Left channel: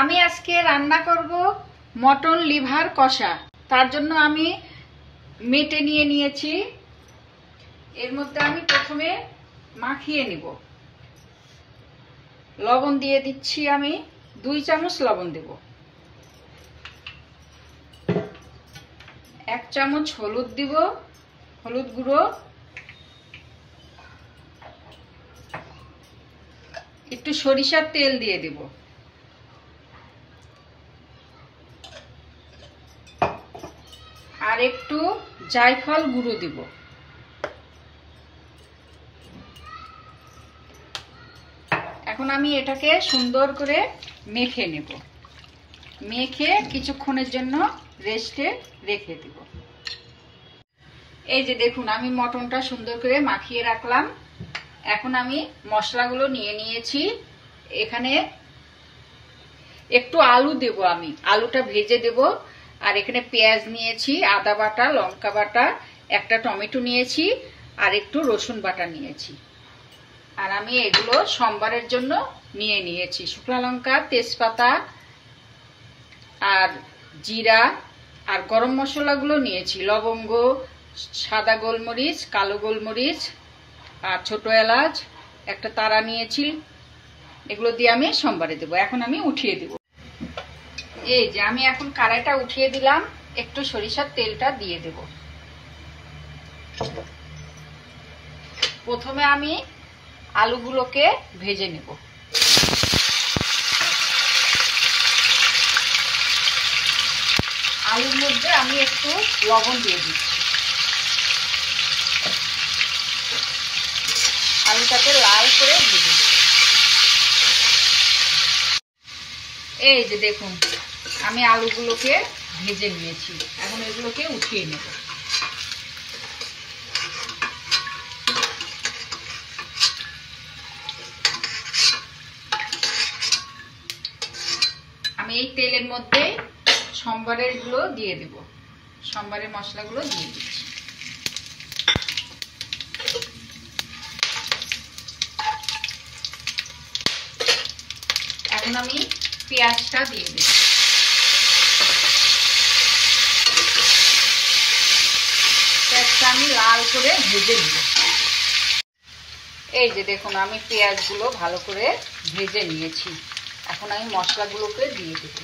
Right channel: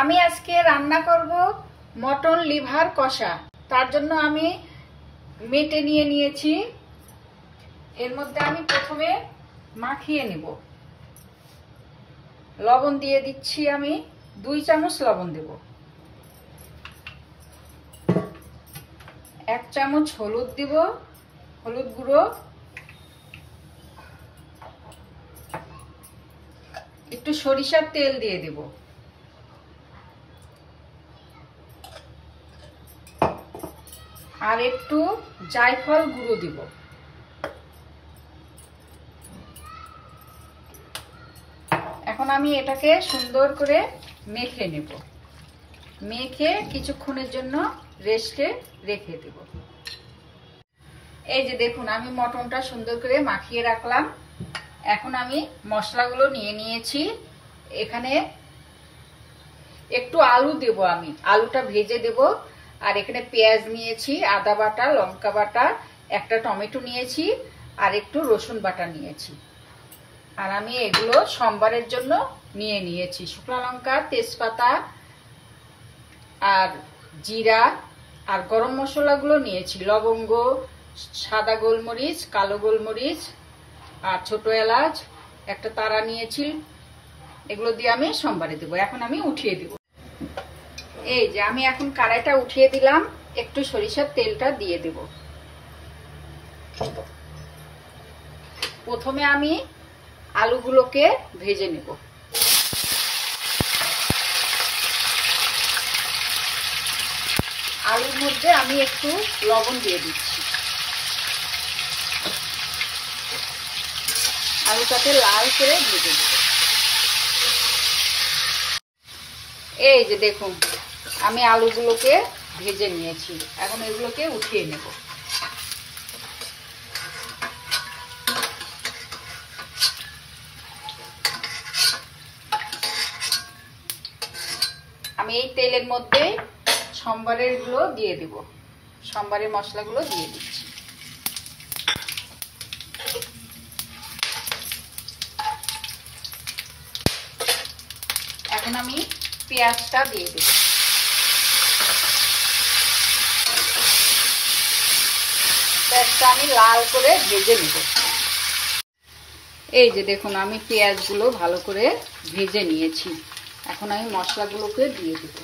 আমি আজকে রান্না করব মটন লিভার কষা। তার জন্য আমি মেটে নিয়ে নিয়েছি। এর মধ্যে আমি প্রথমে মাখিয়ে নিব। লবণ দিয়ে দিচ্ছি, আমি 2 চামচ লবণ দেব। 1 চামচ হলুদ দিব, হলুদ গুঁড়ো। একটু সরিষার তেল দিয়ে দিব। আর একটু জায়ফল গুঁড়ো দিব। এখন আমি এটাকে সুন্দর করে মেখে নেব। মেখে কিছুক্ষণের জন্য রেস্টে রেখে দেব। এই যে দেখুন, আমি মটনটা সুন্দর করে মাখিয়ে রাখলাম। এখন আমি মশলাগুলো নিয়ে নিয়েছি। এখানে একটু আলু দেব, আমি আলুটা ভেজে দেব। আর এখানে পেঁয়াজ নিয়েছি, আদা বাটা, লঙ্কা বাটা, একটা টমেটো নিয়েছি, আর একটু রসুন বাটা নিয়েছি। আর আমি এগুলো সোমবারের জন্য নিয়ে নিয়েছি। শুকনো লঙ্কা, তেজপাতা আর জিরা আর গরম মশলাগুলো নিয়েছি। লবঙ্গ, সাদা গোলমরিচ, কালো গোলমরিচ আর ছোট এলাচ, একটা তারা নিয়েছি। এগুলো দিয়ে আমি সোমবারে দেবো। এখন আমি উঠিয়ে দেব। এই যে আমি এখন কড়াইটা উঠিয়ে দিলাম। একটু সরিষার তেলটা দিয়ে দেব। প্রথমে আমি আলুগুলোকে ভেজে নেব। আলুর মধ্যে আমি একটু লবণ দিয়ে দিচ্ছি। আলুটাকে লাল করে ভেজে নেব। এই যে দেখুন, আমি আলুগুলোকে ভেজে নিয়েছি। এখন এগুলোকে উঠিয়ে নেব। আমি এই তেলের মধ্যে সোমবারের গুলো দিয়ে দেব। সোমবারের মশলাগুলো দিয়ে দিচ্ছি। এখন আমি পেঁয়াজটা দিয়ে দেব। পেঁয়াজটা আমি লাল করে ভেজে নেব। এই যে দেখুন, আমি পেঁয়াজগুলো ভালো করে ভেজে নিয়েছি। এখন আমি মশলাগুলোকে দিয়ে দেব।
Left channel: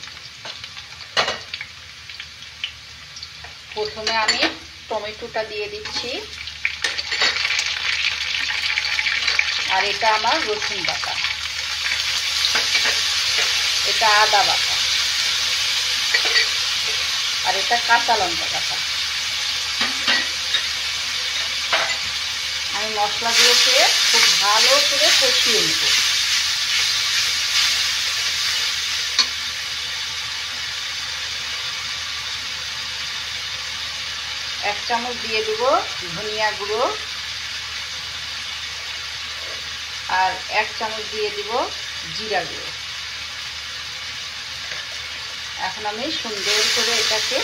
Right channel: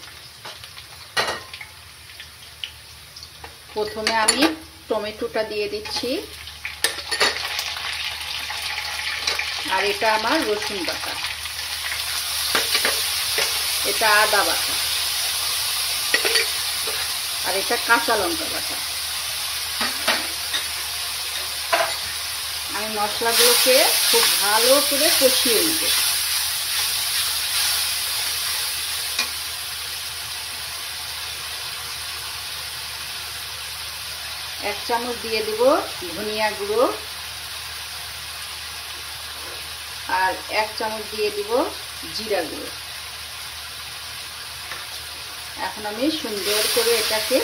প্রথমে আমি টমেটোটা দিয়ে দিচ্ছি। আর এটা আমার রসুন বাটা, এটা আদা বাটা, আর এটা কাঁচা লঙ্কা বাটা। আমি মশলাগুলোকে খুব ভালো করে কষিয়ে নেব। এক চামচ দিয়ে দিব ধনিয়া গুঁড়ো, আর 1 চামচ দিয়ে দিব জিরা গুঁড়ো। এখন আমি সুন্দর করে এটাকে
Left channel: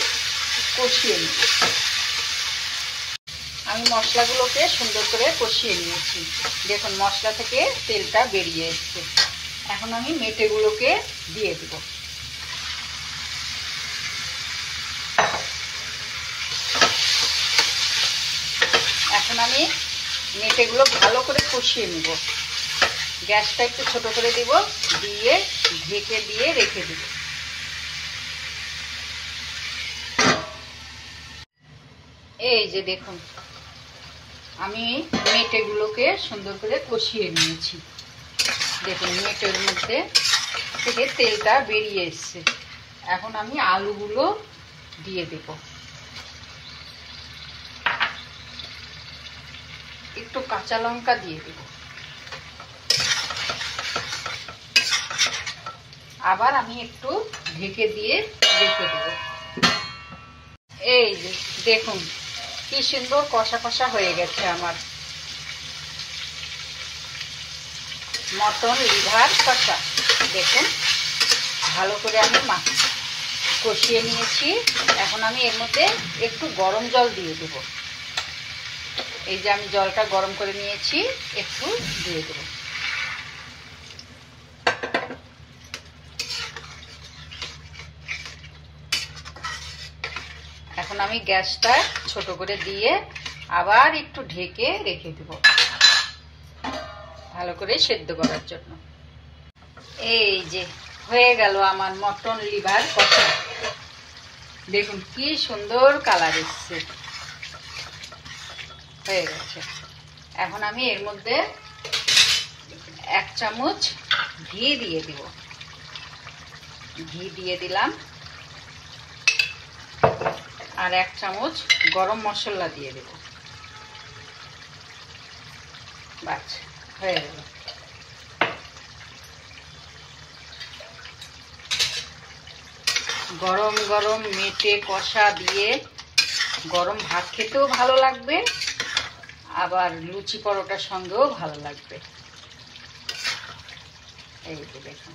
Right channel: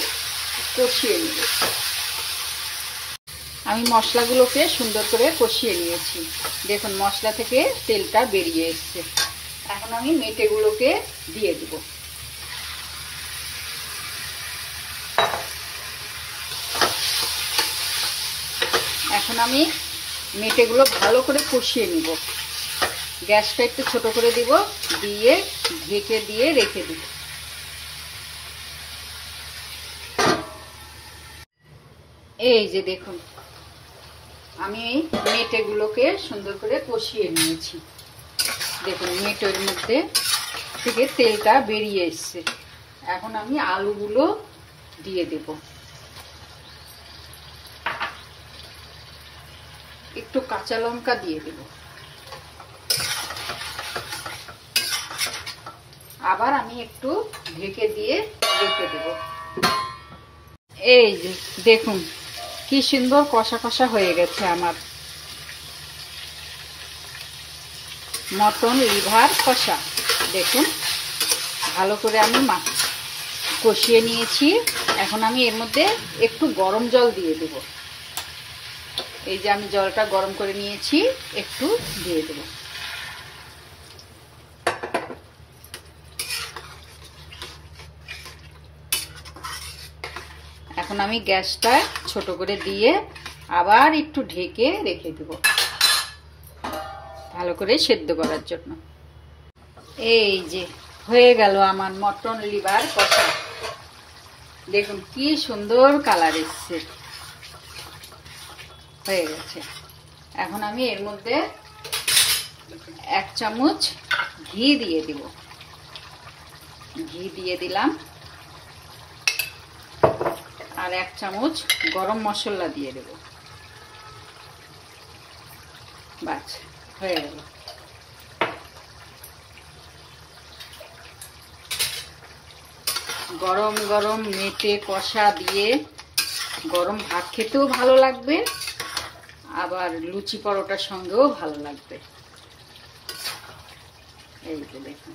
কষিয়ে নেব। আমি মশলাগুলোকে সুন্দর করে কষিয়ে নিয়েছি। দেখুন, মশলা থেকে তেলটা বেরিয়ে এসছে। এখন আমি মেটেগুলোকে দিয়ে দেব। এখন আমি মেটেগুলো ভালো করে কষিয়ে নেব। গ্যাসটা একটু ছোট করে দিব, দিয়ে ঢেকে দিয়ে রেখে দেব। এই যে দেখুন, আমি মেটেগুলোকে সুন্দর করে কষিয়ে নিয়েছি। দেখুন, মেটের মধ্যে থেকে তেলটা বেরিয়ে এসছে। এখন আমি আলুগুলো দিয়ে দেব। একটু কাঁচা লঙ্কা দিয়ে দেব। আবার আমি একটু ঢেকে দিয়ে রেখে দেব। এই যে দেখুন, কি সুন্দর কষা কষা হয়ে গেছে আমার মটন লিভার কষা। দেখুন, ভালো করে আমি কষিয়ে নিয়েছি। এখন আমি এর মধ্যে একটু গরম জল দিয়ে দেব। এই যে আমি জলটা গরম করে নিয়েছি, একটু দিয়ে দেব। এখন আমি গ্যাসটা ছোট করে দিয়ে আবার একটু ঢেকে রেখে দেব ভালো করে সেদ্ধ করার জন্য। এই যে হয়ে গেল আমার মটন লিভার কষা। দেখুন কি সুন্দর কালার এসছে, হয়ে গেছে। এখন আমি এর মধ্যে 1 চামচ ঘি দিয়ে দিব। ঘি দিয়ে দিলাম আর 1 চামচ গরম মশলা দিয়ে দেব। বাস হয়ে গেল। গরম গরম মেটে কষা দিয়ে গরম ভাত খেতেও ভালো লাগবে, আবার লুচি পরোটার সঙ্গেও ভালো লাগবে। এই তো দেখুন।